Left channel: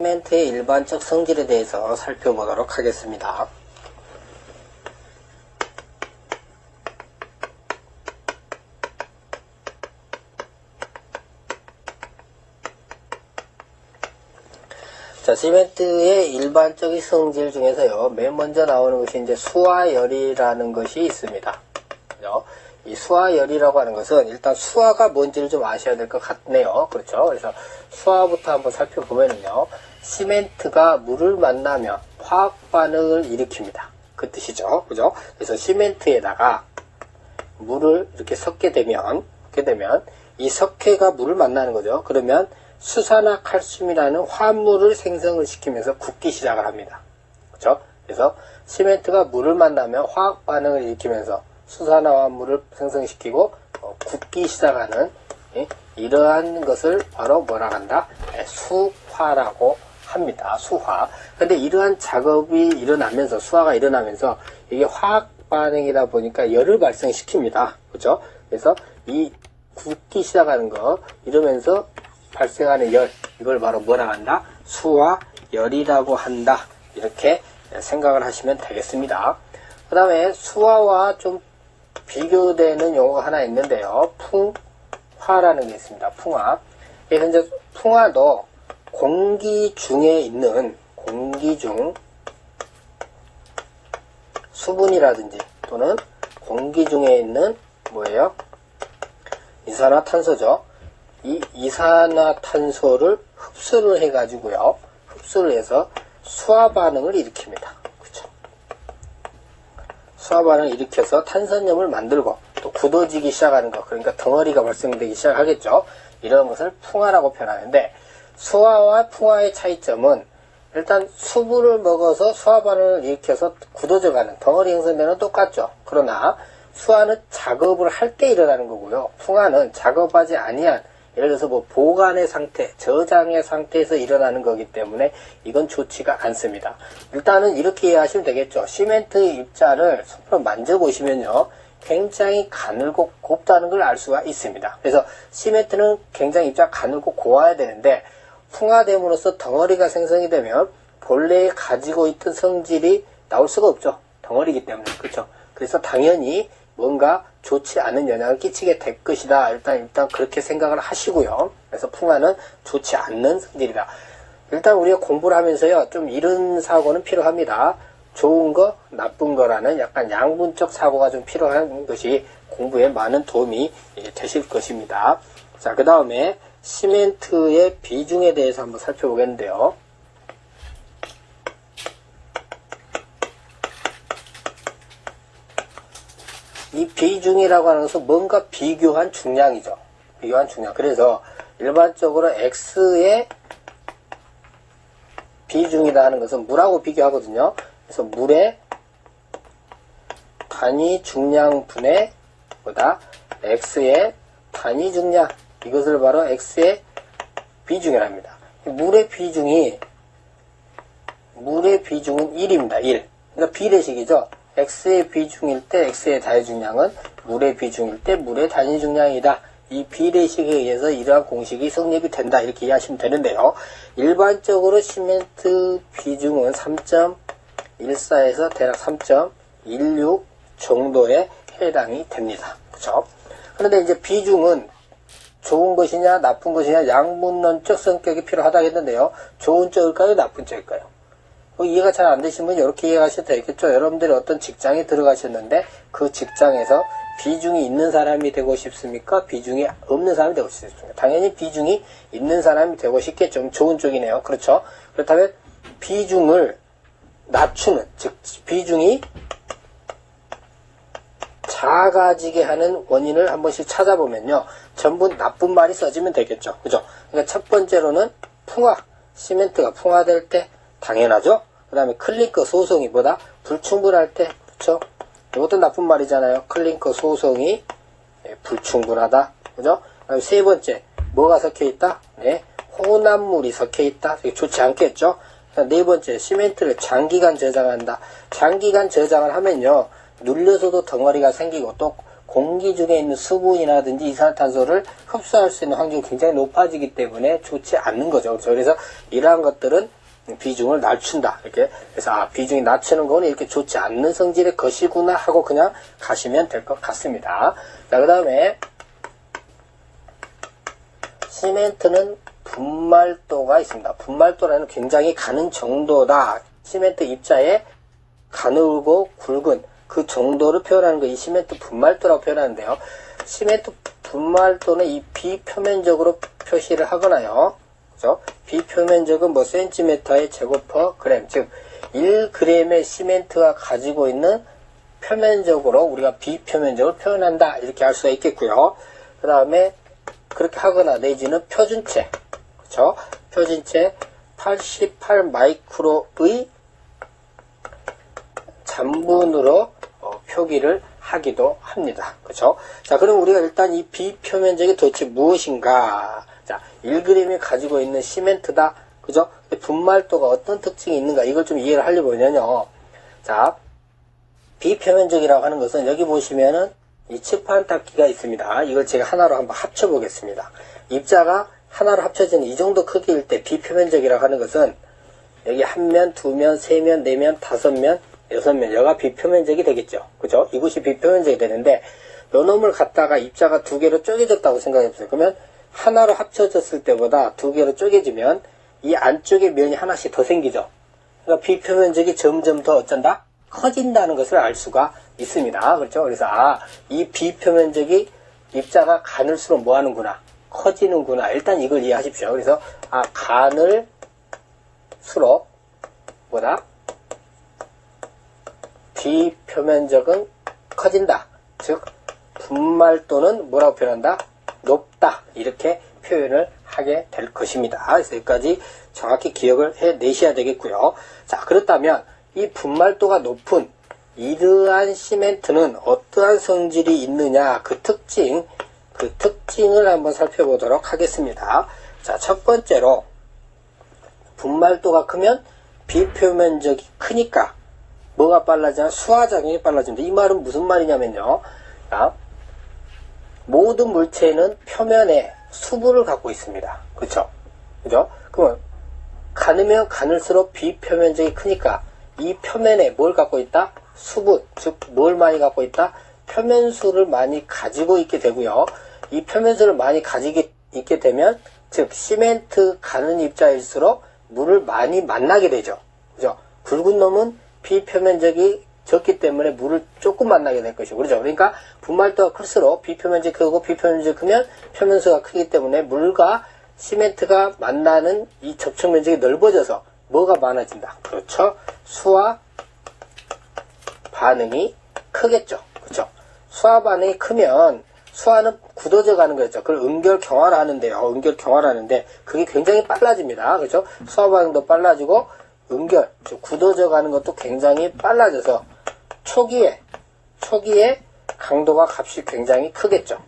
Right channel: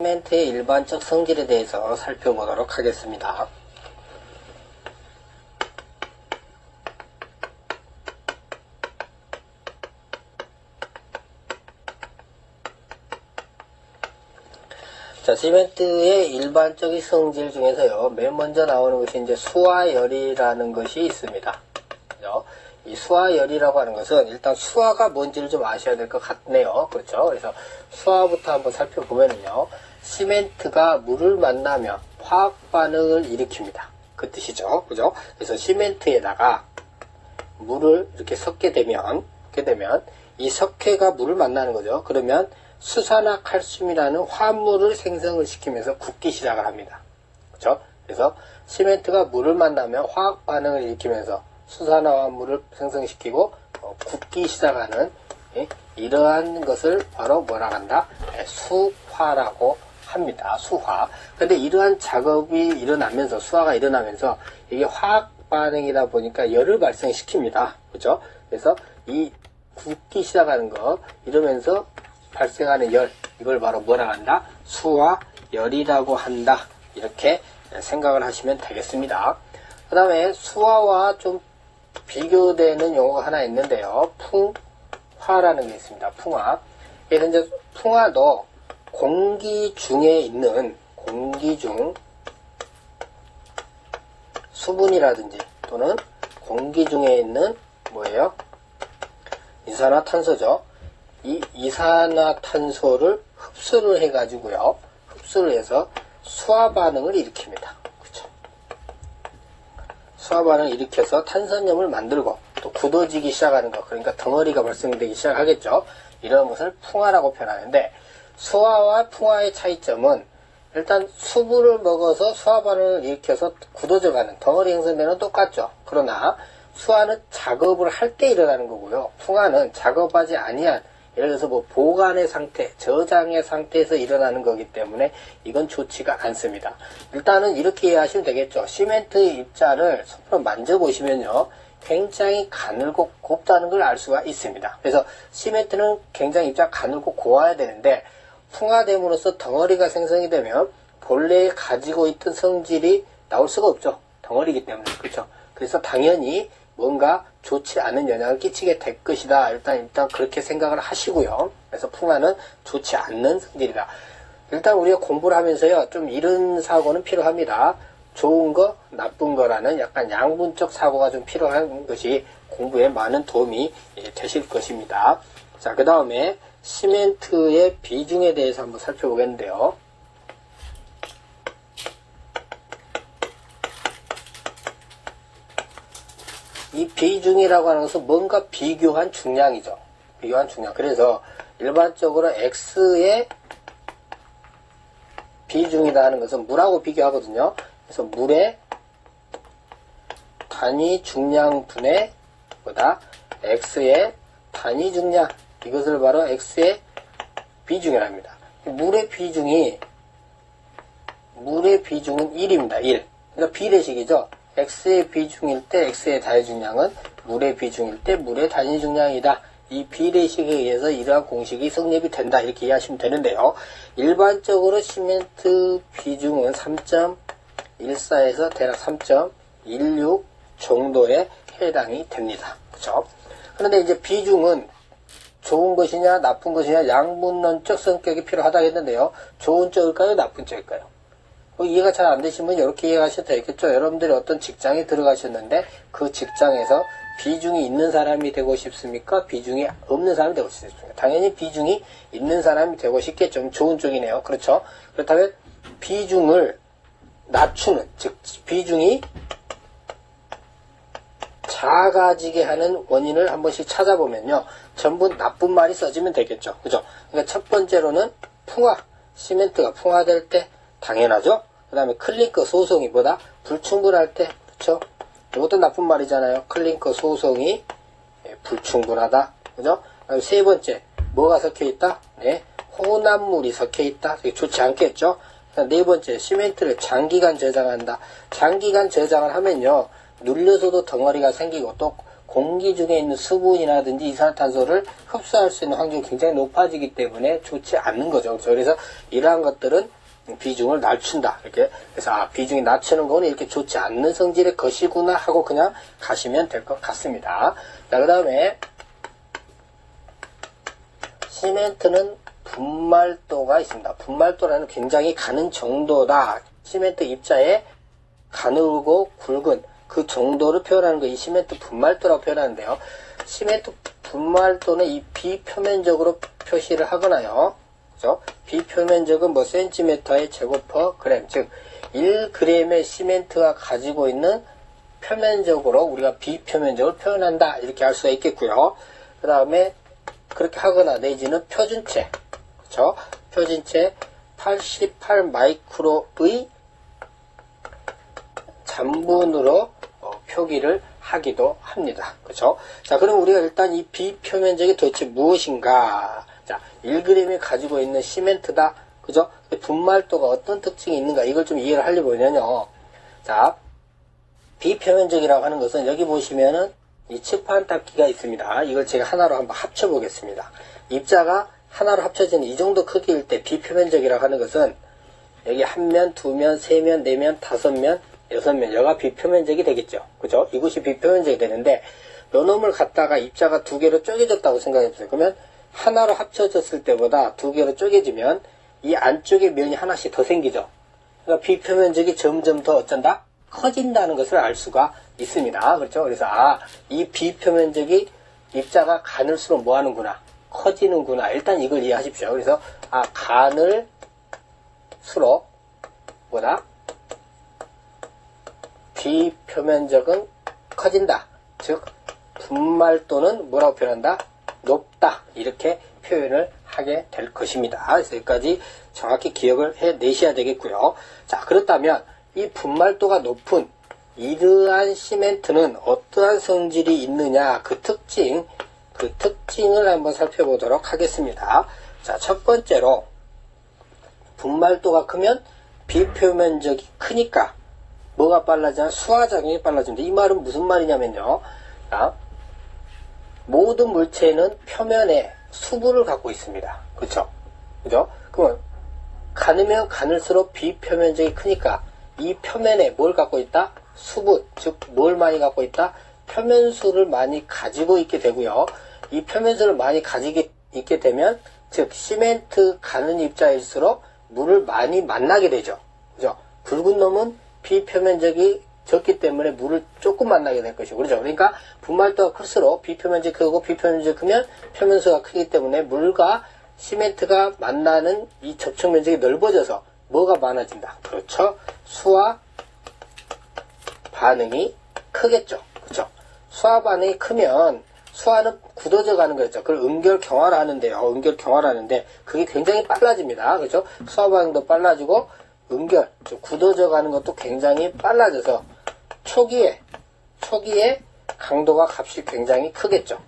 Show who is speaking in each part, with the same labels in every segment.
Speaker 1: 시멘트의 일반적 성질에 대해서 살펴보도록 하겠습니다. 자, 시멘트의 일반적인 성질 중에서요, 맨 먼저 나오는 것이 이제 수화열이라는 것이 있습니다. 이 수화열이라고 하는 것은 일단 수화가 뭔지를 좀 아셔야 될 것 같네요. 그렇죠? 그래서 수화부터 한번 살펴보면요. 시멘트가 물을 만나면 화학 반응을 일으킵니다. 그 뜻이죠. 그죠? 그래서 시멘트에다가 물을 이렇게 섞게 되면, 섞게 되면 이 석회가 물을 만나는 거죠. 그러면 수산화 칼슘이라는 화합물을 생성을 시키면서 굳기 시작을 합니다. 그렇죠? 그래서 시멘트가 물을 만나면 화학 반응을 일으키면서 수산화합물을 생성시키고 어, 굳기 시작하는 예, 이러한 것을 바로 뭐라 한다? 예, 수화라고 합니다. 수화. 근데 이러한 작업이 일어나면서 수화가 일어나면서 이게 화학 반응이다 보니까 열을 발생시킵니다. 그죠? 그래서 이 굳기 시작하는 거 이러면서 발생하는 열 이걸 바로 뭐라 한다? 수화 열이라고 한다. 이렇게 생각을 하시면 되겠습니다. 그 다음에 수화와 좀 비교되는 용어가 하나 있는데요. 풍화라는 게 있습니다. 풍화. 그래서 이제 풍화도 공기 중에 있는 공기 중 수분이라든지 또는 공기 중에 있는 뭐예요? 이산화탄소죠. 이 이산화탄소를 흡수를 해가지고요. 흡수를 해서 수화 반응을 일으킵니다. 그렇죠? 수화 반응을 일으켜서 탄산염을 만들고 또 굳어지기 시작하는 것, 그러니까 덩어리가 발생되기 시작하겠죠. 이런 것을 풍화라고 표현하는데 수화와 풍화의 차이점은 일단 수분을 먹어서 수화 반응을 일으켜서 굳어져 가는 덩어리 형성되는 똑같죠. 그러나 수화는 작업을 할 때 일어나는 거고요. 풍화는 작업하지 아니한 예를 들어서 뭐 보관의 상태, 저장의 상태에서 일어나는 거기 때문에 이건 좋지가 않습니다. 일단은 이렇게 이해하시면 되겠죠. 시멘트 입자를 손으로 만져보시면요. 굉장히 가늘고 곱다는 걸 알 수가 있습니다. 그래서 시멘트는 굉장히 입자가 가늘고 고와야 되는데 풍화됨으로써 덩어리가 생성이 되면 본래 가지고 있던 성질이 나올 수가 없죠. 덩어리이기 때문에. 그렇죠. 그래서 당연히 뭔가 좋지 않은 영향을 끼치게 될 것이다. 일단, 일단 그렇게 생각을 하시고요. 그래서 풍화는 좋지 않는 성질이다. 일단 우리가 공부를 하면서요. 좀 이런 사고는 필요합니다. 좋은 거, 나쁜 거라는 약간 양분적 사고가 좀 필요한 것이 공부에 많은 도움이 되실 것입니다. 자, 그 다음에 시멘트의 비중에 대해서 한번 살펴보겠는데요. 이 비중이라고 하는 것은 뭔가 비교한 중량이죠. 비교한 중량. 그래서 일반적으로 X의 비중이라 하는 것은 물하고 비교하거든요. 그래서 물의 단위 중량분의 보다 X의 단위 중량 이것을 바로 X의 비중이라 합니다. 물의 비중이 물의 비중은 1입니다. 1. 그러니까 비례식이죠. X의 비중일 때 X의 단위 중량은 물의 비중일 때 물의 단위 중량이다. 이 비례식에 의해서 이러한 공식이 성립이 된다. 이렇게 이해하시면 되는데요. 일반적으로 시멘트 비중은 3.14에서 대략 3.16 정도에 해당이 됩니다. 그죠? 그런데 이제 비중은 좋은 것이냐 나쁜 것이냐 양분론적 성격이 필요하다 했는데요. 좋은 쪽일까요? 나쁜 쪽일까요? 뭐 이해가 잘 안 되시면 이렇게 이해하셔도 되겠죠. 여러분들이 어떤 직장에 들어가셨는데 그 직장에서 비중이 있는 사람이 되고 싶습니까? 비중이 없는 사람이 되고 싶습니까? 당연히 비중이 있는 사람이 되고 싶겠죠. 좋은 쪽이네요. 그렇죠? 그렇다면 비중을 낮추는, 즉, 비중이 작아지게 하는 원인을 한 번씩 찾아보면요. 전부 나쁜 말이 써지면 되겠죠. 그죠? 그러니까 첫 번째로는 풍화, 시멘트가 풍화될 때 당연하죠. 그 다음에 클링커 소송이 보다 불충분할 때, 그렇죠? 이것도 나쁜 말이잖아요. 클링커 소송이 예, 불충분하다. 그죠? 그다음에 세 번째, 뭐가 섞여 있다? 네, 혼합물이 섞여 있다. 좋지 않겠죠? 네 번째, 시멘트를 장기간 저장한다. 장기간 저장을 하면요, 눌려서도 덩어리가 생기고 또 공기 중에 있는 수분이라든지 이산화탄소를 흡수할 수 있는 확률이 굉장히 높아지기 때문에 좋지 않는 거죠. 그래서 이러한 것들은 비중을 낮춘다. 이렇게. 그래서, 아, 비중이 낮추는 거는 이렇게 좋지 않는 성질의 것이구나 하고 그냥 가시면 될 것 같습니다. 자, 그 다음에, 시멘트는 분말도가 있습니다. 분말도라는 굉장히 가는 정도다. 시멘트 입자에 가늘고 굵은 그 정도를 표현하는 거이 시멘트 분말도라고 표현하는데요. 시멘트 분말도는 이 비표면적으로 표시를 하거나요. 그죠? 비표면적은 뭐 센티미터의 제곱퍼 그램, 즉 1g의 시멘트가 가지고 있는 표면적으로 우리가 비표면적을 표현한다 이렇게 할 수가 있겠고요. 그 다음에 그렇게 하거나 내지는 표준체, 그렇죠? 표준체 88 마이크로의 잔분으로 어, 표기를 하기도 합니다. 그렇죠? 자, 그럼 우리가 일단 이 비표면적이 도대체 무엇인가? 자, 1g이 가지고 있는 시멘트다. 그죠? 분말도가 어떤 특징이 있는가? 이걸 좀 이해를 하려면요. 자, 비표면적이라고 하는 것은 여기 보시면은 이 칠판 닦기가 있습니다. 이걸 제가 하나로 한번 합쳐 보겠습니다. 입자가 하나로 합쳐지는 이 정도 크기일 때 비표면적이라고 하는 것은 여기 한 면, 두 면, 세 면, 네 면, 다섯 면, 여섯 면, 여가 비표면적이 되겠죠. 그죠? 이것이 비표면적이 되는데, 요 놈을 갖다가 입자가 두 개로 쪼개졌다고 생각해 보세요. 그러면 하나로 합쳐졌을 때보다 두 개로 쪼개지면 이 안쪽에 면이 하나씩 더 생기죠. 그러니까 비표면적이 점점 더 어쩐다? 커진다는 것을 알 수가 있습니다. 그렇죠? 그래서, 아, 이 비표면적이 입자가 가늘수록 뭐 하는구나. 커지는구나. 일단 이걸 이해하십시오. 그래서, 아, 가늘수록, 뭐다? 비표면적은 커진다. 즉, 분말도는 뭐라고 표현한다? 높다. 이렇게 표현을 하게 될 것입니다. 그래서 여기까지 정확히 기억을 해 내셔야 되겠고요. 자, 그렇다면 이 분말도가 높은 이러한 시멘트는 어떠한 성질이 있느냐 그 특징 그 특징을 한번 살펴보도록 하겠습니다. 자, 첫 번째로 분말도가 크면 비표면적이 크니까 뭐가 빨라지냐? 수화작용이 빨라진다. 이 말은 무슨 말이냐면요. 자, 모든 물체는 표면에 수분을 갖고 있습니다. 그쵸? 그죠? 그러면 가늘면 가늘수록 비표면적이 크니까 이 표면에 뭘 갖고 있다? 수분, 즉 뭘 많이 갖고 있다? 표면수를 많이 가지고 있게 되고요. 이 표면수를 많이 가지게 있게 되면 즉 시멘트 가는 입자일수록 물을 많이 만나게 되죠. 그죠? 굵은 놈은 비표면적이 적기 때문에 물을 조금 만나게 될 것이고 그렇죠. 그러니까 분말도가 클수록 비표면적이 크고 비표면적이 크면 표면수가 크기 때문에 물과 시멘트가 만나는 이 접촉 면적이 넓어져서 뭐가 많아진다. 그렇죠. 수와 반응이 크겠죠. 그렇죠. 수화 반응이 크면 수화는 굳어져 가는 거죠. 그걸 음결 경화를 하는데요. 음결 경화를 하는데 그게 굉장히 빨라집니다. 그렇죠. 수화 반응도 빨라지고 즉 굳어져 가는 것도 굉장히 빨라져서 초기에 초기에 강도가 값이 굉장히 크겠죠.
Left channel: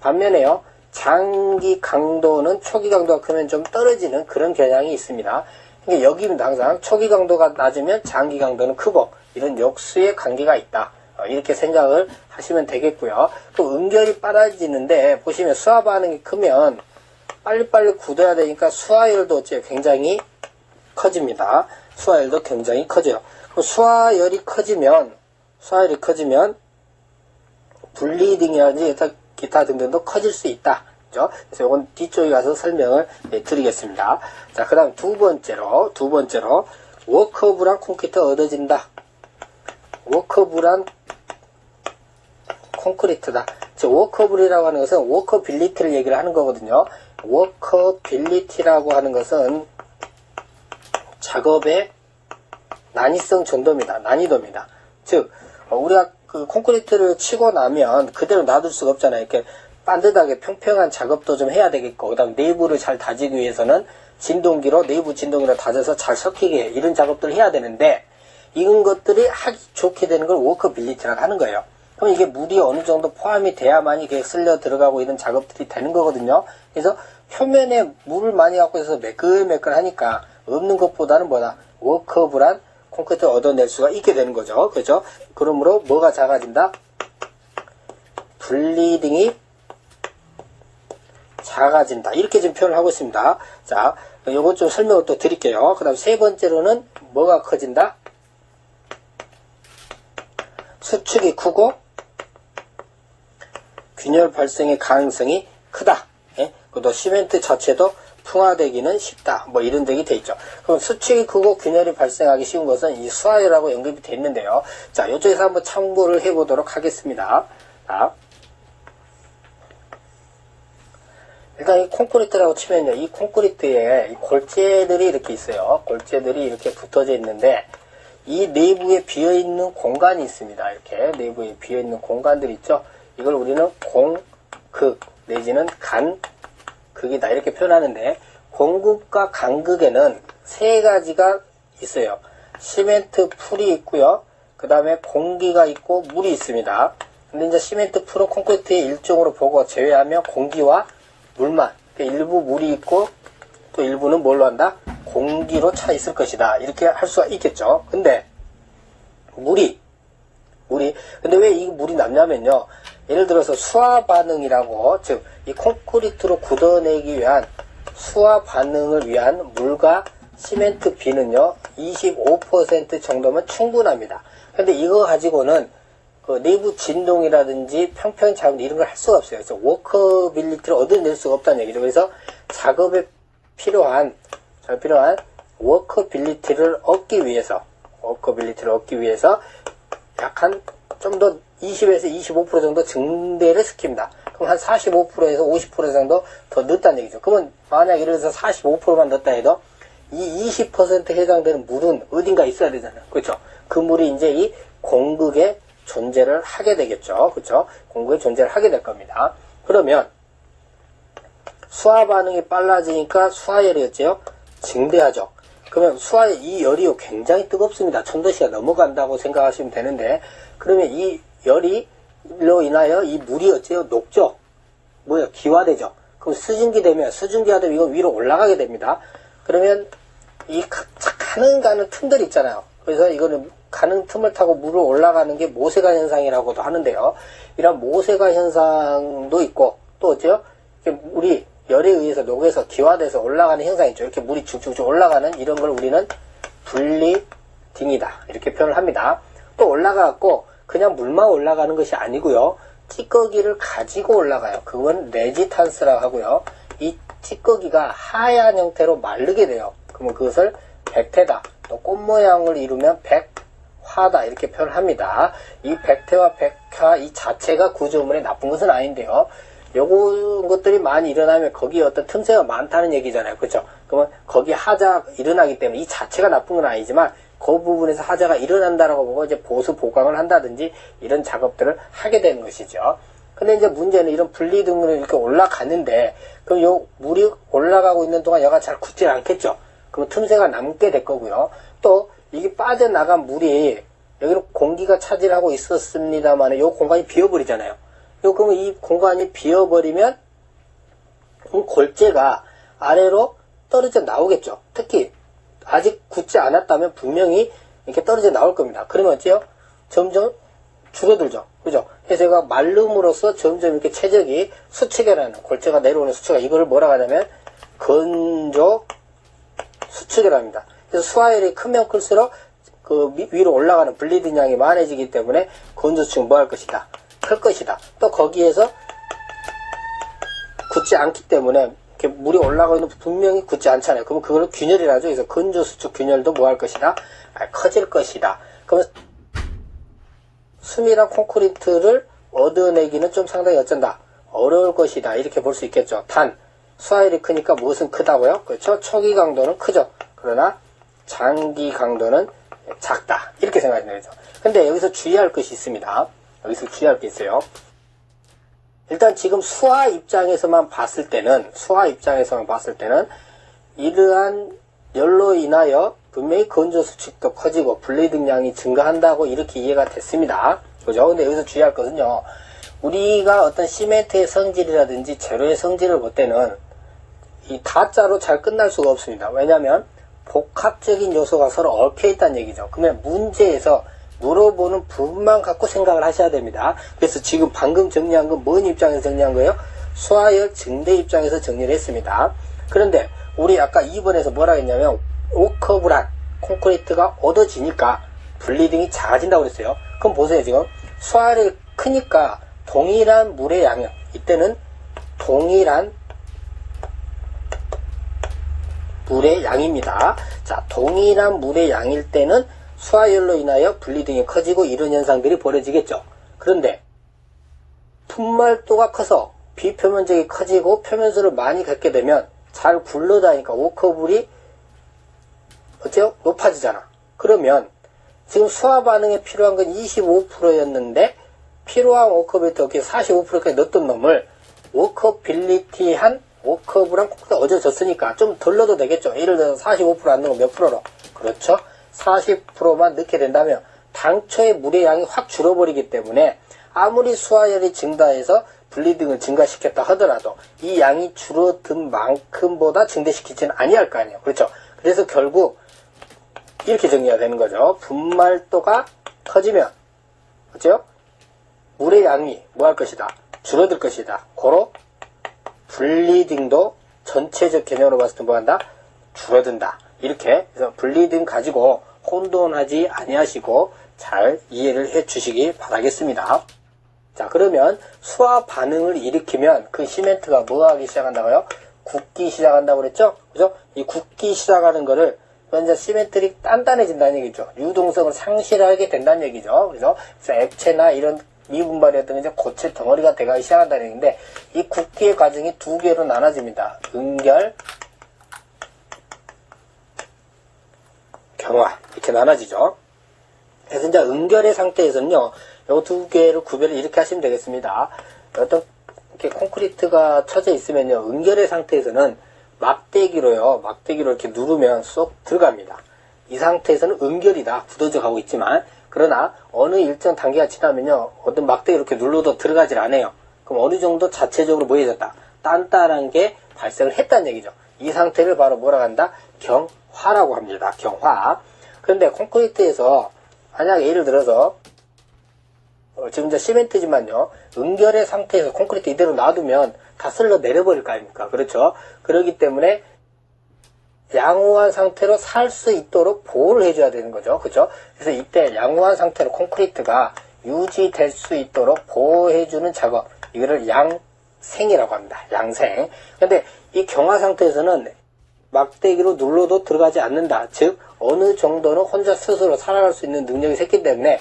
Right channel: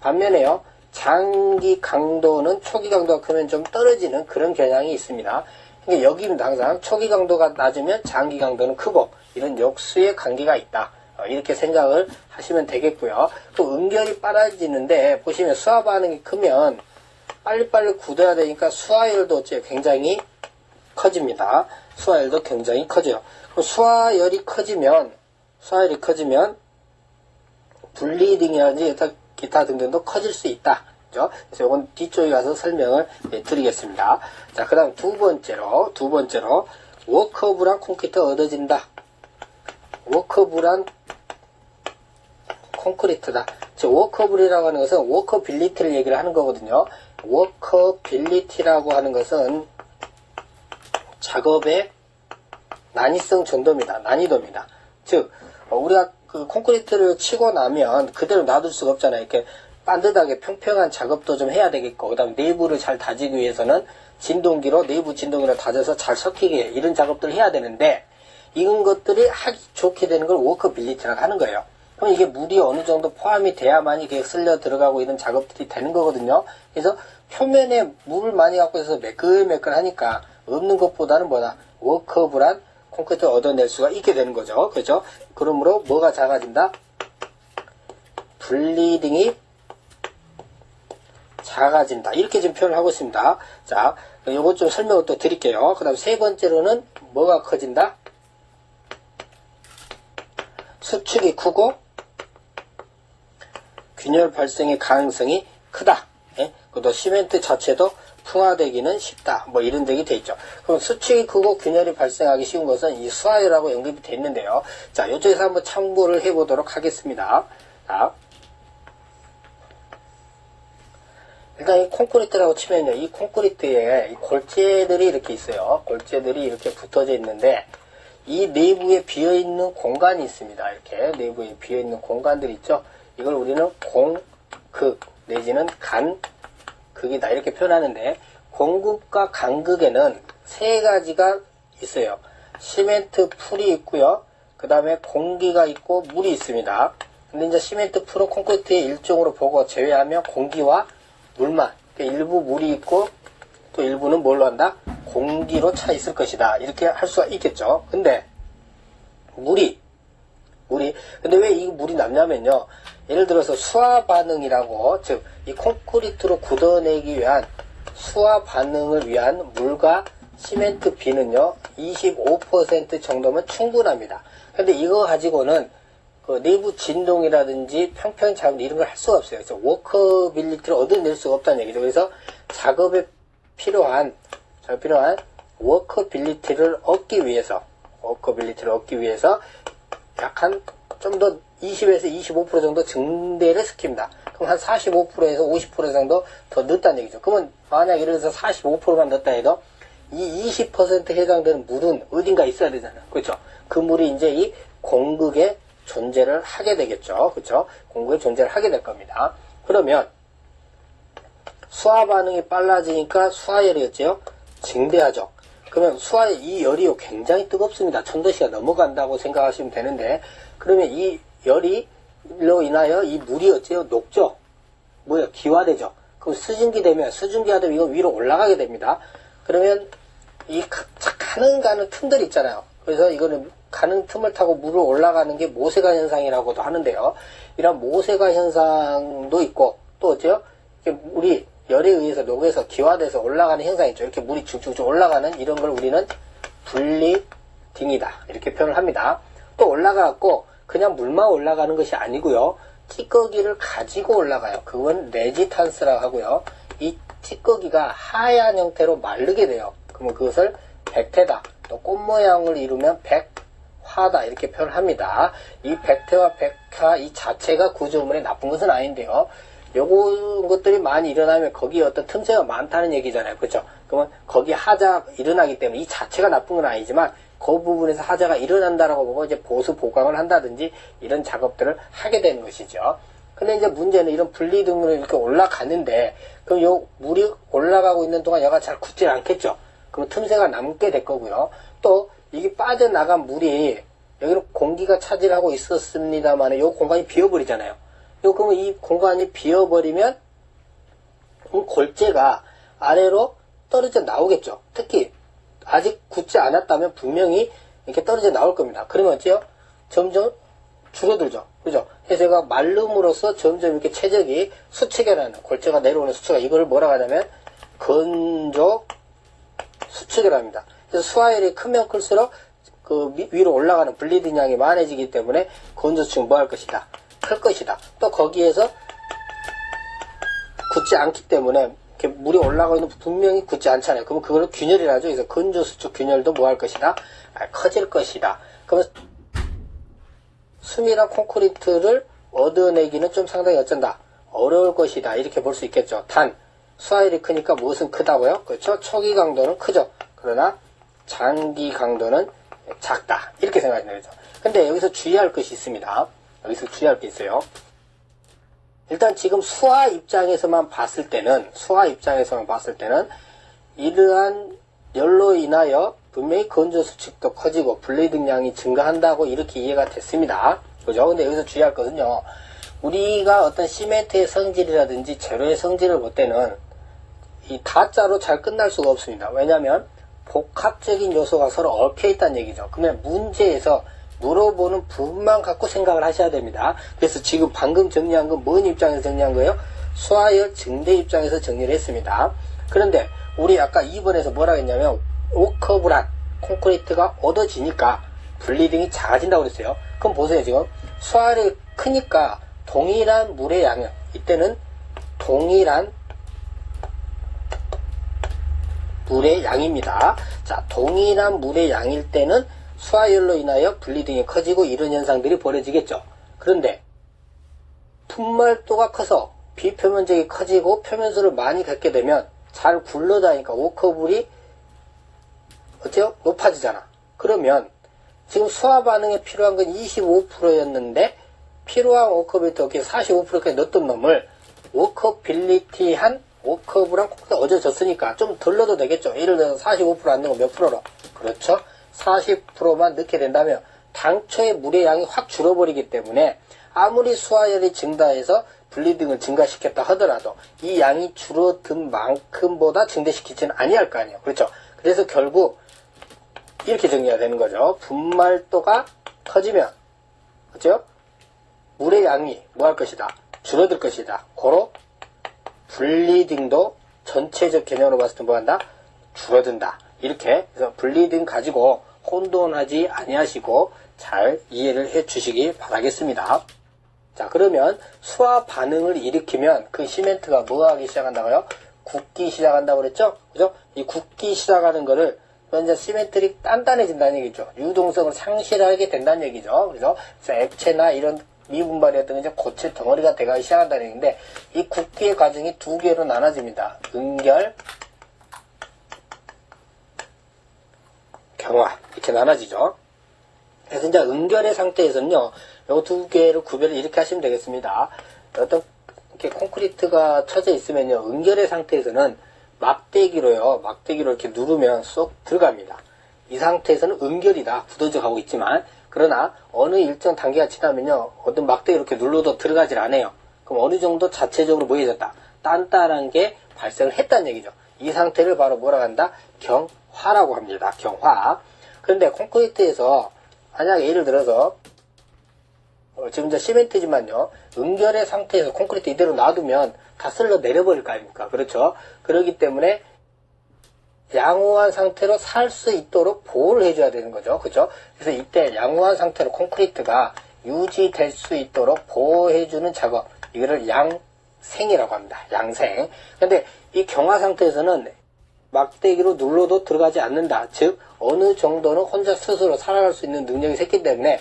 Speaker 1: 반면에요. 장기 강도는 초기 강도가 크면 좀 떨어지는 그런 경향이 있습니다. 그러니까 여기는 항상 초기 강도가 낮으면 장기 강도는 크고 이런 역수의 관계가 있다. 어, 이렇게 생각을 하시면 되겠고요. 또 응결이 빨라지는데 보시면 수화 반응이 크면 빨리빨리 굳어야 되니까 수화열도 어째 굉장히 커집니다. 수화열도 굉장히 커져요. 수화열이 커지면 수화열이 커지면 블리딩이라든지 기타, 기타 등등도 커질 수 있다. 그죠? 그래서 이건 뒤쪽에 가서 설명을 예, 드리겠습니다. 자, 그 다음 두 번째로, 두 번째로, 워커브란 콘크리트가 얻어진다. 워커브란 콘크리트다. 즉, 워커블이라고 하는 것은 워커빌리티를 얘기를 하는 거거든요. 워커빌리티라고 하는 것은 작업의 난이성 정도입니다. 난이도입니다. 즉, 어, 우리가 그 콘크리트를 치고 나면 그대로 놔둘 수가 없잖아요. 이렇게 반듯하게 평평한 작업도 좀 해야 되겠고, 그 다음 내부를 잘 다지기 위해서는 진동기로, 내부 진동기로 다져서 잘 섞이게 이런 작업들을 해야 되는데, 이런 것들이 하기 좋게 되는 걸 워커빌리티라고 하는 거예요. 그럼 이게 물이 어느 정도 포함이 돼야만이 이게 쓸려 들어가고 이런 작업들이 되는 거거든요. 그래서 표면에 물을 많이 갖고 있어서 매끌매끌하니까 없는 것보다는 뭐다? 워커블한 콘크리트를 얻어낼 수가 있게 되는 거죠. 그죠? 그러므로 뭐가 작아진다? 분리등이 작아진다. 이렇게 지금 표현을 하고 있습니다. 자, 요거 좀 설명을 또 드릴게요. 그 다음 세 번째로는 뭐가 커진다? 수축이 크고 균열 발생의 가능성이 크다. 예? 그리고 시멘트 자체도 풍화되기는 쉽다. 뭐 이런 적이 돼 있죠. 그럼 수축이 크고 균열이 발생하기 쉬운 것은 이 수화열하고 연결이 돼 있는데요. 자, 이쪽에서 한번 참고를 해보도록 하겠습니다. 자, 일단 이 콘크리트라고 치면요. 이 콘크리트에 이 골재들이 이렇게 있어요. 골재들이 이렇게 붙어져 있는데 이 내부에 비어있는 공간이 있습니다. 이렇게 내부에 비어있는 공간들 있죠. 이걸 우리는 공극 내지는 간 극이다 이렇게 표현하는데 공극과 간극에는 세 가지가 있어요. 시멘트 풀이 있고요. 그 다음에 공기가 있고 물이 있습니다. 근데 이제 시멘트 풀은 콘크리트의 일종으로 보고 제외하면 공기와 물만 그러니까 일부 물이 있고 또 일부는 뭘로 한다? 공기로 차 있을 것이다. 이렇게 할 수가 있겠죠. 근데 물이 물이 근데 왜 이 물이 남냐면요. 예를 들어서 수화 반응이라고 즉 이 콘크리트로 굳어내기 위한 수화 반응을 위한 물과 시멘트 비는요 25% 정도면 충분합니다. 근데 이거 가지고는 그 내부 진동이라든지 평평 작업 이런 걸 할 수가 없어요. 그래서 워커빌리티를 얻어낼 수가 없다는 얘기죠. 그래서 작업에 필요한 잘 필요한 워커빌리티를 얻기 위해서 워커빌리티를 얻기 위해서 약 한 좀 더 20에서 25% 정도 증대를 시킵니다. 한 45%에서 50% 정도 더 넣었다는 얘기죠. 그러면 만약 예를 들어서 45%만 넣었다 해도 이 20% 해당되는 물은 어딘가 있어야 되잖아요. 그렇죠? 그 물이 이제 이 공극에 존재를 하게 되겠죠. 그렇죠? 공극에 존재를 하게 될 겁니다. 그러면 수화 반응이 빨라지니까 수화열이었죠. 증대하죠. 그러면 수화의 이 열이 굉장히 뜨겁습니다. 천도씨가 넘어간다고 생각하시면 되는데 그러면 이 열이 로 인하여 이 물이 어째요? 녹죠. 뭐요? 기화되죠. 그럼 수증기 되면 수증기가 되면 이거 위로 올라가게 됩니다. 그러면 이 가- 가는 가는 틈들 있잖아요. 그래서 이거는 가는 틈을 타고 물을 올라가는 게 모세가 현상이라고도 하는데요. 이런 모세가 현상도 있고 또? 이렇게 물이 열에 의해서 녹여서 기화돼서 올라가는 현상이 있죠. 이렇게 물이 쭉쭉쭉 올라가는 이런 걸 우리는 분리딩이다. 이렇게 표현을 합니다. 또 올라가고 그냥 물만 올라가는 것이 아니고요. 찌꺼기를 가지고 올라가요. 그건 레지탄스라고 하고요. 이 찌꺼기가 하얀 형태로 마르게 돼요. 그러면 그것을 백태다. 또 꽃 모양을 이루면 백화다. 이렇게 표현합니다. 이 백태와 백화 이 자체가 구조물에 나쁜 것은 아닌데요. 요거 것들이 많이 일어나면 거기에 어떤 틈새가 많다는 얘기잖아요. 그렇죠? 그러면 거기 하자 일어나기 때문에 이 자체가 나쁜 건 아니지만 그 부분에서 하자가 일어난다라고 보고 이제 보수 보강을 한다든지 이런 작업들을 하게 되는 것이죠. 근데 이제 문제는 이런 분리 등으로 이렇게 올라가는데 그럼 요 물이 올라가고 있는 동안 얘가 잘 굳지 않겠죠. 그럼 틈새가 남게 될 거고요. 또 이게 빠져나간 물이 여기는 공기가 차지하고 있었습니다만 요 공간이 비어버리잖아요. 요 그러면 이 공간이 비어버리면 그 골재가 아래로 떨어져 나오겠죠. 특히 아직 굳지 않았다면 분명히 이렇게 떨어져 나올 겁니다. 그러면 어째요? 점점 줄어들죠. 그죠? 그래서 얘가 말름으로써 점점 이렇게 최적이 수축이라는 골재가 내려오는 수축가 이거를 뭐라 하냐면 건조 수축이랍니다. 그래서 수화열이 크면 클수록 그 미- 위로 올라가는 블리딩 양이 많아지기 때문에 건조축은 뭐할 것이다? 클 것이다. 또 거기에서 굳지 않기 때문에 이렇게 물이 올라가고 있는 분명히 굳지 않잖아요. 그럼 그걸 균열이라 죠. 그래서 건조수축 균열도 뭐 할 것이다? 아, 커질 것이다. 그러면 수미랑 콘크리트를 얻어내기는 좀 상당히 어쩐다. 어려울 것이다. 이렇게 볼 수 있겠죠. 단, 수화열이 크니까 무엇은 크다고요? 그렇죠? 초기 강도는 크죠. 그러나 장기 강도는 작다. 이렇게 생각하시면 되죠. 근데 여기서 주의할 것이 있습니다. 여기서 주의할 게 있어요. 일단 지금 수화 입장에서만 봤을 때는 수화 입장에서만 봤을 때는 이러한 열로 인하여 분명히 건조 수축도 커지고 블레이딩 양이 증가한다고 이렇게 이해가 됐습니다. 그죠? 근데 여기서 주의할 것은요. 우리가 어떤 시멘트의 성질이라든지 재료의 성질을 볼 때는 이 다자로 잘 끝날 수가 없습니다. 왜냐하면 복합적인 요소가 서로 얽혀 있다는 얘기죠. 그러면 문제에서 물어보는 부분만 갖고 생각을 하셔야 됩니다. 그래서 지금 방금 정리한 건 뭔 입장에서 정리한 거예요? 수화열 증대 입장에서 정리를 했습니다. 그런데 우리 아까 2번에서 뭐라 했냐면 오커브란 콘크리트가 얻어지니까 블리딩이 작아진다고 그랬어요. 그럼 보세요 지금 수화열이 크니까 동일한 물의 양은 이때는 동일한 물의 양입니다. 자, 동일한 물의 양일 때는 수화열로 인하여 분리등이 커지고 이런 현상들이 벌어지겠죠. 그런데 분말도가 커서 비표면적이 커지고 표면수를 많이 갖게 되면 잘 굴러다니까 워커블이 어때요? 높아지잖아. 그러면 지금 수화 반응에 필요한 건 25%였는데 필요한 워커빌리티 어떻게 45%까지 넣었던 놈을 워커빌리티한 워커블랑 콩쿠리가 어져졌으니까 좀 덜 넣어도 되겠죠. 예를 들어서 45%안 넣으면 몇 프로로? 그렇죠. 40%만 넣게 된다면 당초의 물의 양이 확 줄어버리기 때문에 아무리 수화열이 증가해서 분리등을 증가시켰다 하더라도 이 양이 줄어든 만큼보다 증대시키지는 아니할 거 아니에요. 그렇죠. 그래서 결국 이렇게 정리가 되는 거죠. 분말도가 커지면 그렇죠? 물의 양이 뭐 할 것이다? 줄어들 것이다. 고로 블리딩도 전체적 개념으로 봤을 때 뭐 한다? 줄어든다. 이렇게 그래서 블리딩 가지고 혼돈하지 아니하시고 잘 이해를 해 주시기 바라겠습니다. 자 그러면 수화 반응을 일으키면 그 시멘트가 뭐 하기 시작한다고요? 굳기 시작한다고 그랬죠? 그죠? 이 굳기 시작하는 거를 먼저 시멘트리 단단해진다는 얘기죠. 유동성을 상실하게 된다는 얘기죠. 그래서 액체나 이런 미분발이었던 이제 고체 덩어리가 돼가기 시작한다는 얘기인데 이 굳기의 과정이 두 개로 나눠집니다. 응결, 경화 이렇게 나눠지죠. 그래서 이제 응결의 상태에서는요, 요두 개를 구별을 이렇게 하시면 되겠습니다. 어떤 이렇게 콘크리트가 쳐져 있으면요, 응결의 상태에서는 막대기로요, 막대기로 이렇게 누르면 쏙 들어갑니다. 이 상태에서는 응결이다, 굳어져 가고 있지만, 그러나 어느 일정 단계가 지나면요, 어떤 막대기 이렇게 눌러도 들어가질 않아요. 그럼 어느 정도 자체적으로 뭐해졌다? 단단한 게 발생을 했다는 얘기죠. 이 상태를 바로 뭐라 한다? 경 화라고 합니다. 경화. 그런데 콘크리트에서 만약에 예를 들어서 어, 지금 이제 시멘트지만요. 응결의 상태에서 콘크리트 이대로 놔두면 다 쓸려 내려버릴 거 아닙니까? 그렇죠? 그렇기 때문에 양호한 상태로 살 수 있도록 보호를 해줘야 되는 거죠. 그죠? 그래서 이때 양호한 상태로 콘크리트가 유지될 수 있도록 보호해주는 작업. 이거를 양생이라고 합니다. 양생. 근데 이 경화 상태에서는 막대기로 눌러도 들어가지 않는다. 즉, 어느 정도는 혼자 스스로 살아갈 수 있는 능력이 생기 때문에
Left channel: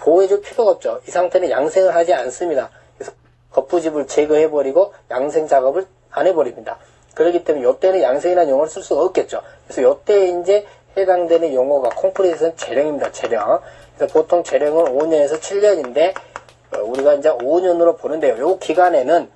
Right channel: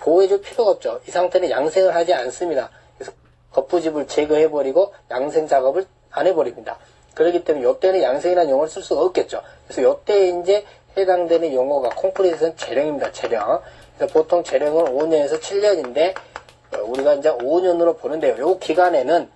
Speaker 1: 보호해줄 필요가 없죠. 이 상태는 양생을 하지 않습니다. 그래서 거푸집을 제거해버리고 양생 작업을 안 해버립니다. 그렇기 때문에 이때는 양생이라는 용어를 쓸 수가 없겠죠. 그래서 이때 이제 해당되는 용어가 콘크리트는 재령입니다. 재령. 그래서 보통 재령은 5년에서 7년인데 우리가 이제 5년으로 보는데요. 이 기간에는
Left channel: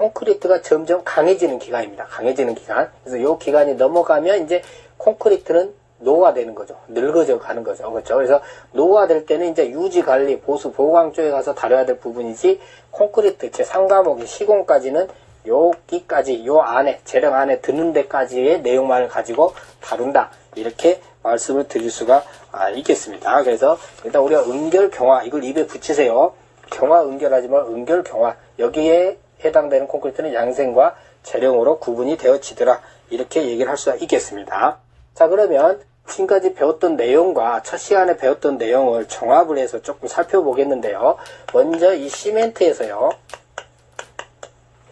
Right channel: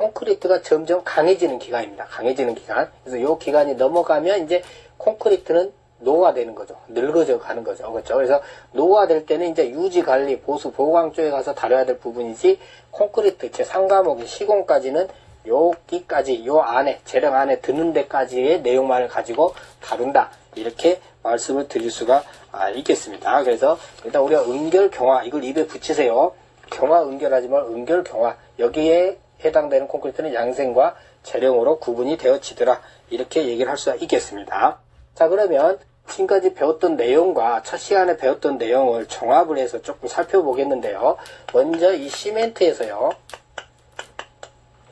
Speaker 1: 콘크리트가 점점 강해지는 기간입니다. 강해지는 기간. 그래서 이 기간이 넘어가면 이제 콘크리트는 노화되는 거죠. 늙어져 가는 거죠. 그렇죠. 그래서 노화될 때는 이제 유지 관리, 보수, 보강 쪽에 가서 다뤄야 될 부분이지 콘크리트 제 상과목의 시공까지는 여기까지 요 안에 재령 안에 드는 데까지의 내용만을 가지고 다룬다. 이렇게 말씀을 드릴 수가 아, 있겠습니다. 그래서 일단 우리가 응결 경화 이걸 입에 붙이세요. 경화 응결하지 말 응결 경화 여기에 해당되는 콘크리트는 양생과 재령으로 구분이 되어지더라. 이렇게 얘기를 할 수가 있겠습니다. 자 그러면 지금까지 배웠던 내용과 첫 시간에 배웠던 내용을 종합을 해서 조금 살펴보겠는데요. 먼저 이 시멘트에서요.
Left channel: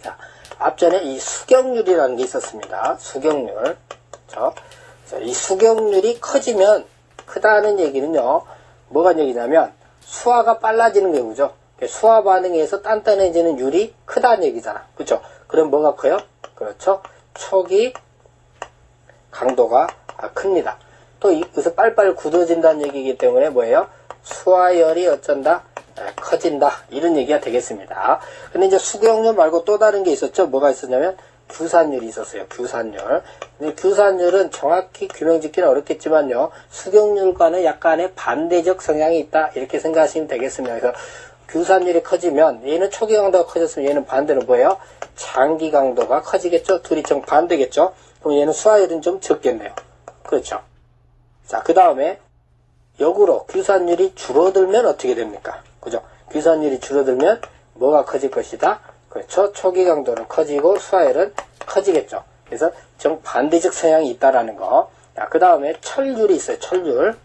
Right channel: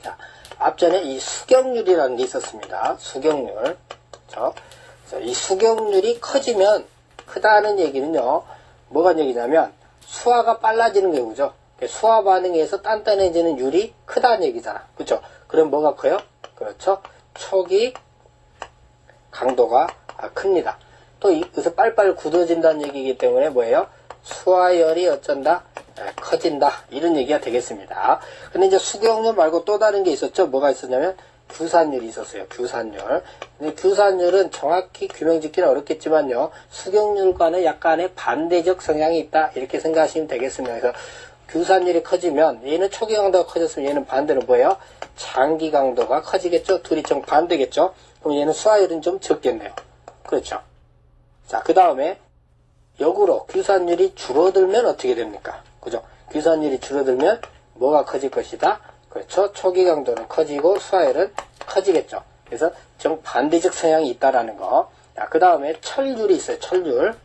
Speaker 1: 자, 앞전에 이 수경률이라는 게 있었습니다. 수경률. 자, 자, 이 수경률이 커지면 크다는 얘기는요. 뭐가 얘기냐면 수화가 빨라지는 경우죠. 수화 반응에서 단단해지는 율이 크다는 얘기잖아. 그렇죠? 그럼 뭐가 커요? 그렇죠? 촉이 강도가 아, 큽니다. 또 여기서 빨빨 굳어진다는 얘기이기 때문에 뭐예요? 수화열이 어쩐다? 에, 커진다. 이런 얘기가 되겠습니다. 근데 이제 수경률 말고 또 다른 게 있었죠? 뭐가 있었냐면 규산율이 있었어요. 규산율. 근데 규산율은 정확히 규명 짓기는 어렵겠지만요. 수경률과는 약간의 반대적 성향이 있다. 이렇게 생각하시면 되겠습니다. 그래서 규산율이 커지면 얘는 초기 강도가 커졌으면 얘는 반대로 뭐예요? 장기 강도가 커지겠죠? 둘이 정 반대겠죠? 그럼 얘는 수화율은 좀 적겠네요. 그렇죠? 자, 그 다음에 역으로 규산율이 줄어들면 어떻게 됩니까? 그죠? 규산율이 줄어들면 뭐가 커질 것이다? 그렇죠. 초기 강도는 커지고 수화율은 커지겠죠. 그래서 정반대적 성향이 있다라는 거. 자, 그 다음에 철률이 있어요. 철률.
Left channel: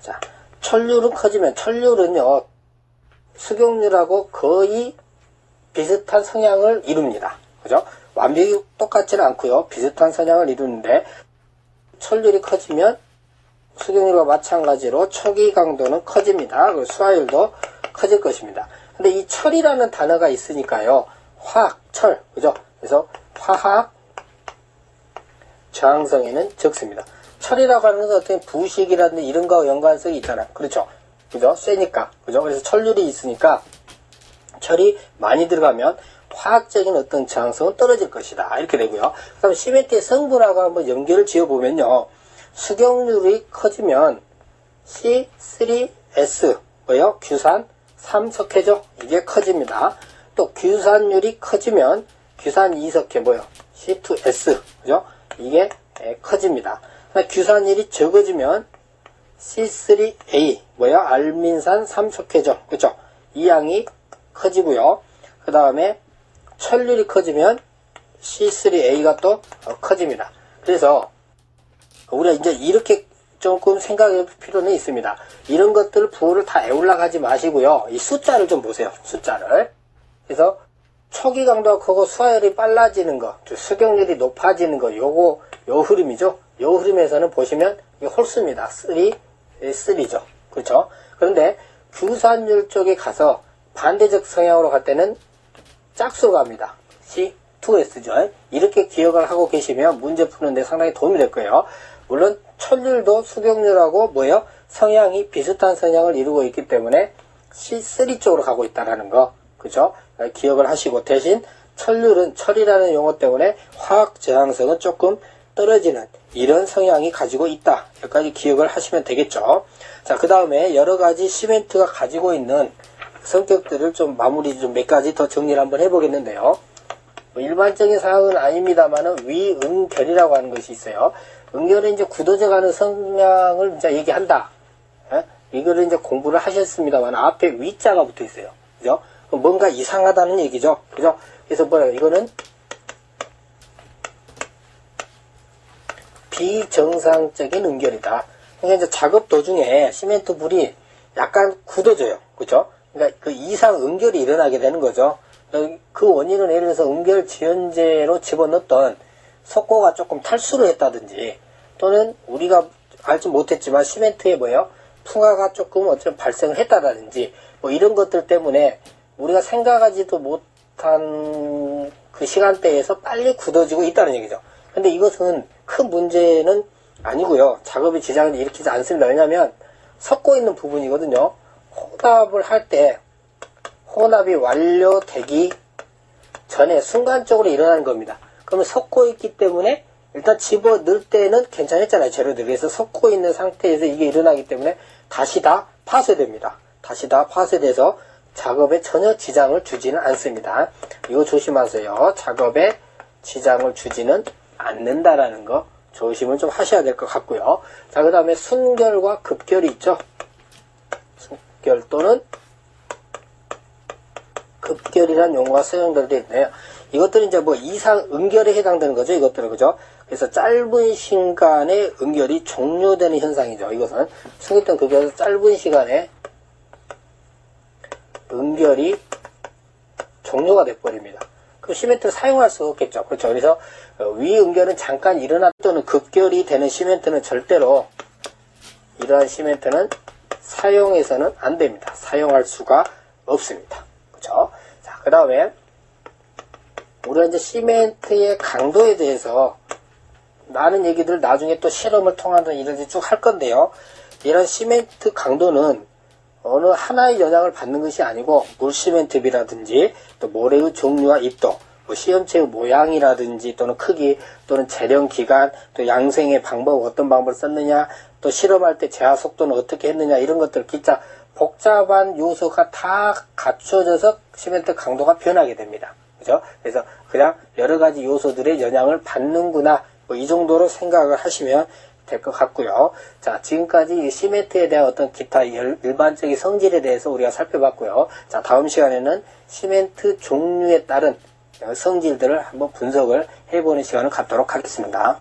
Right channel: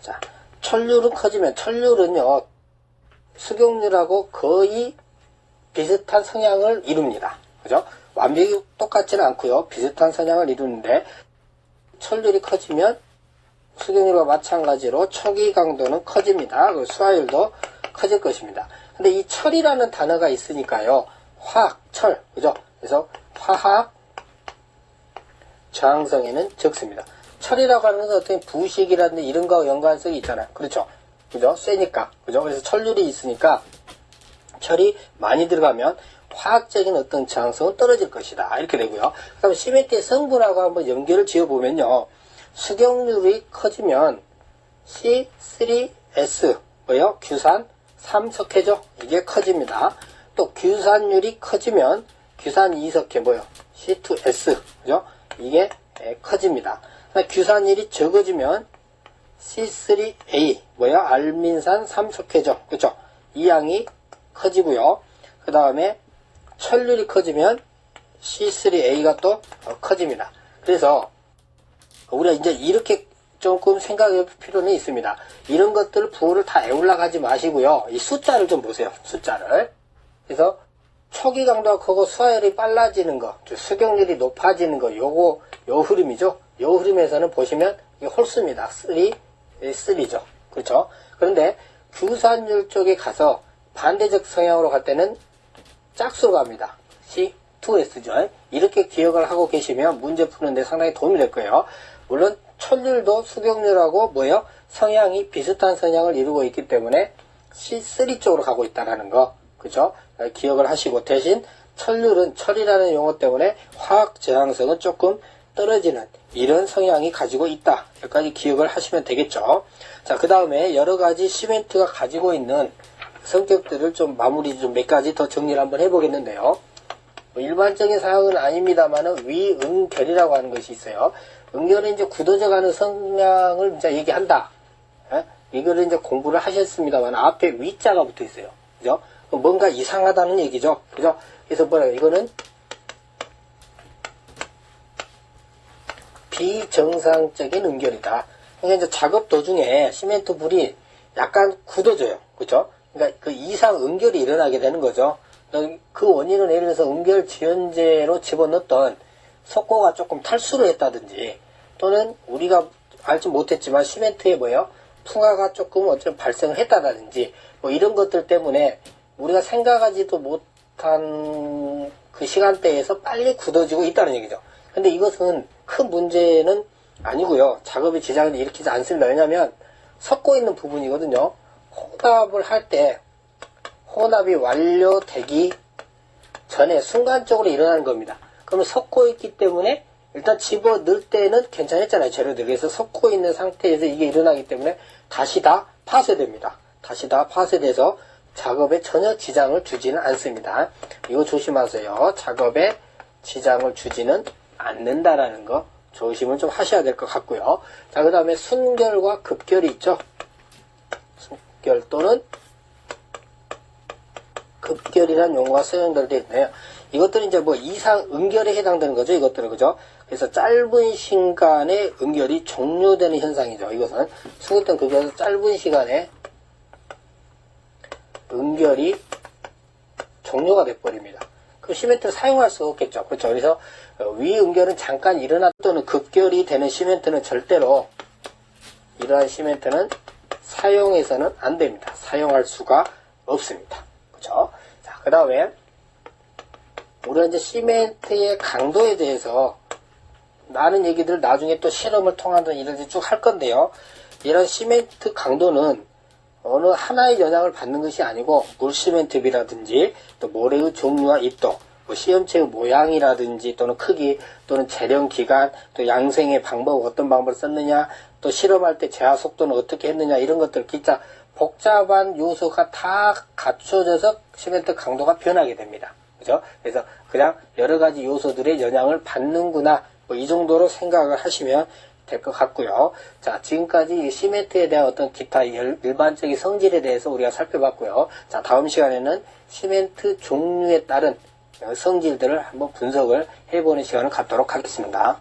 Speaker 1: 자, 철률은 커지면 철률은요. 수경률하고 거의 비슷한 성향을 이룹니다. 그죠? 완벽히 똑같지는 않고요. 비슷한 성향을 이루는데 철률이 커지면 수경률과 마찬가지로 초기 강도는 커집니다. 그 수화율도 커질 것입니다. 근데 이 철이라는 단어가 있으니까요. 화학, 철, 그죠? 그래서 화학 저항성에는 적습니다. 철이라고 하는 것은 어떤 부식이라든지 이런 거와 연관성이 있잖아요. 그렇죠? 그죠? 세니까. 그죠? 그래서 철률이 있으니까 철이 많이 들어가면 화학적인 어떤 저항성은 떨어질 것이다. 이렇게 되고요. 그 다음에 시멘트의 성분하고 한번 연결을 지어보면요. 수경률이 커지면 C3S, 뭐요? 규산 3석회죠? 이게 커집니다. 또 규산율이 커지면 규산 2석회, 뭐요? C2S, 그죠? 이게 예, 커집니다. 규산율이 적어지면 C3A, 뭐야? 알민산 3석회죠? 그죠? 이 양이 커지고요. 그 다음에 철률이 커지면 C3A가 또 어, 커집니다. 그래서 우리가 이제 이렇게 조금 생각해 볼 필요는 있습니다. 이런 것들 부호를 다 애올라 가지 마시고요. 이 숫자를 좀 보세요. 숫자를. 그래서 초기 강도가 크고 수화율이 빨라지는 거, 수경률이 높아지는 거, 요거, 요 흐름이죠. 요 흐름에서는 보시면 이게 홀수입니다. 3, 3죠. 그렇죠? 그런데 규산율 쪽에 가서 반대적 성향으로 갈 때는 짝수로 갑니다. C2S죠. 이렇게 기억을 하고 계시면 문제 푸는데 상당히 도움이 될 거예요. 물론 철률도 수경률하고 뭐예요? 성향이 비슷한 성향을 이루고 있기 때문에 C3 쪽으로 가고 있다라는 거. 그죠? 기억을 하시고 대신 철률은 철이라는 용어 때문에 화학 저항성은 조금 떨어지는 이런 성향이 가지고 있다. 여기까지 기억을 하시면 되겠죠. 자, 그 다음에 여러 가지 시멘트가 가지고 있는 성격들을 좀 마무리 좀 몇 가지 더 정리를 한번 해보겠는데요. 뭐 일반적인 사항은 아닙니다만은 위응결이라고 하는 것이 있어요. 응결은 이제 굳어져 가는 성향을 이제 얘기한다. 예? 이거를 이제 공부를 하셨습니다만 앞에 위자가 붙어 있어요. 그죠? 뭔가 이상하다는 얘기죠. 그죠? 그래서 뭐라 이거는 비정상적인 응결이다. 그러니까 이제 작업 도중에 시멘트 불이 약간 굳어져요. 그죠? 그러니까 그 이상 응결이 일어나게 되는 거죠. 그 원인은 예를 들어서 응결 지연제로 집어넣었던 석고가 조금 탈수를 했다든지 또는 우리가 알지 못했지만 시멘트에 뭐예요? 풍화가 조금 어쩌면 발생을 했다든지 뭐 이런 것들 때문에 우리가 생각하지도 못한 그 시간대에서 빨리 굳어지고 있다는 얘기죠. 근데 이것은 큰 문제는 아니고요. 작업에 지장을 일으키지 않습니다. 왜냐하면 섞고 있는 부분이거든요. 혼합을 할 때 혼합이 완료되기 전에 순간적으로 일어나는 겁니다. 그러면 섞고 있기 때문에 일단 집어 넣을 때는 괜찮았잖아요. 재료들이. 그래서 섞고 있는 상태에서 이게 일어나기 때문에 다시 다 파쇄됩니다. 다시 다 파쇄돼서 작업에 전혀 지장을 주지는 않습니다. 이거 조심하세요. 작업에 지장을 주지는 않는다라는 거 조심을 좀 하셔야 될 것 같고요. 자, 그 다음에 순결과 급결이 있죠. 순결 또는 급결이라는 용어가 사용되어 있네요. 이것들은 이제 뭐 이상 응결에 해당되는 거죠. 이것들은 그죠? 그래서 짧은 시간에 응결이 종료되는 현상이죠. 이것은 승급된 급여에서 짧은 시간에 응결이 종료가 돼버립니다. 그 시멘트를 사용할 수 없겠죠. 그렇죠. 그래서 위응결은 잠깐 또는 급결이 되는 시멘트는 절대로 이러한 시멘트는 사용해서는 안 됩니다. 사용할 수가 없습니다. 그렇죠. 자, 그 다음에 우리가 이제 시멘트의 강도에 대해서 많은 얘기들을 나중에 또 실험을 통한다 이런 데쭉할 건데요. 이런 시멘트 강도는 어느 하나의 영향을 받는 것이 아니고 물시멘트비라든지 또 모래의 종류와 입도, 뭐 시험체의 모양이라든지 또는 크기 또는 재련 기간 또 양생의 방법 어떤 방법을 썼느냐 또 실험할 때 제하 속도는 어떻게 했느냐 이런 것들 기타 복잡한 요소가 다 갖춰져서 시멘트 강도가 변하게 됩니다. 그죠? 그래서 그냥 여러 가지 요소들의 영향을 받는구나 뭐 이 정도로 생각을 하시면 될 것 같고요. 자, 지금까지 시멘트에 대한 어떤 기타 일반적인 성질에 대해서 우리가 살펴봤고요. 자, 다음 시간에는 시멘트 종류에 따른 성질들을 한번 분석을 해보는 시간을 갖도록 하겠습니다.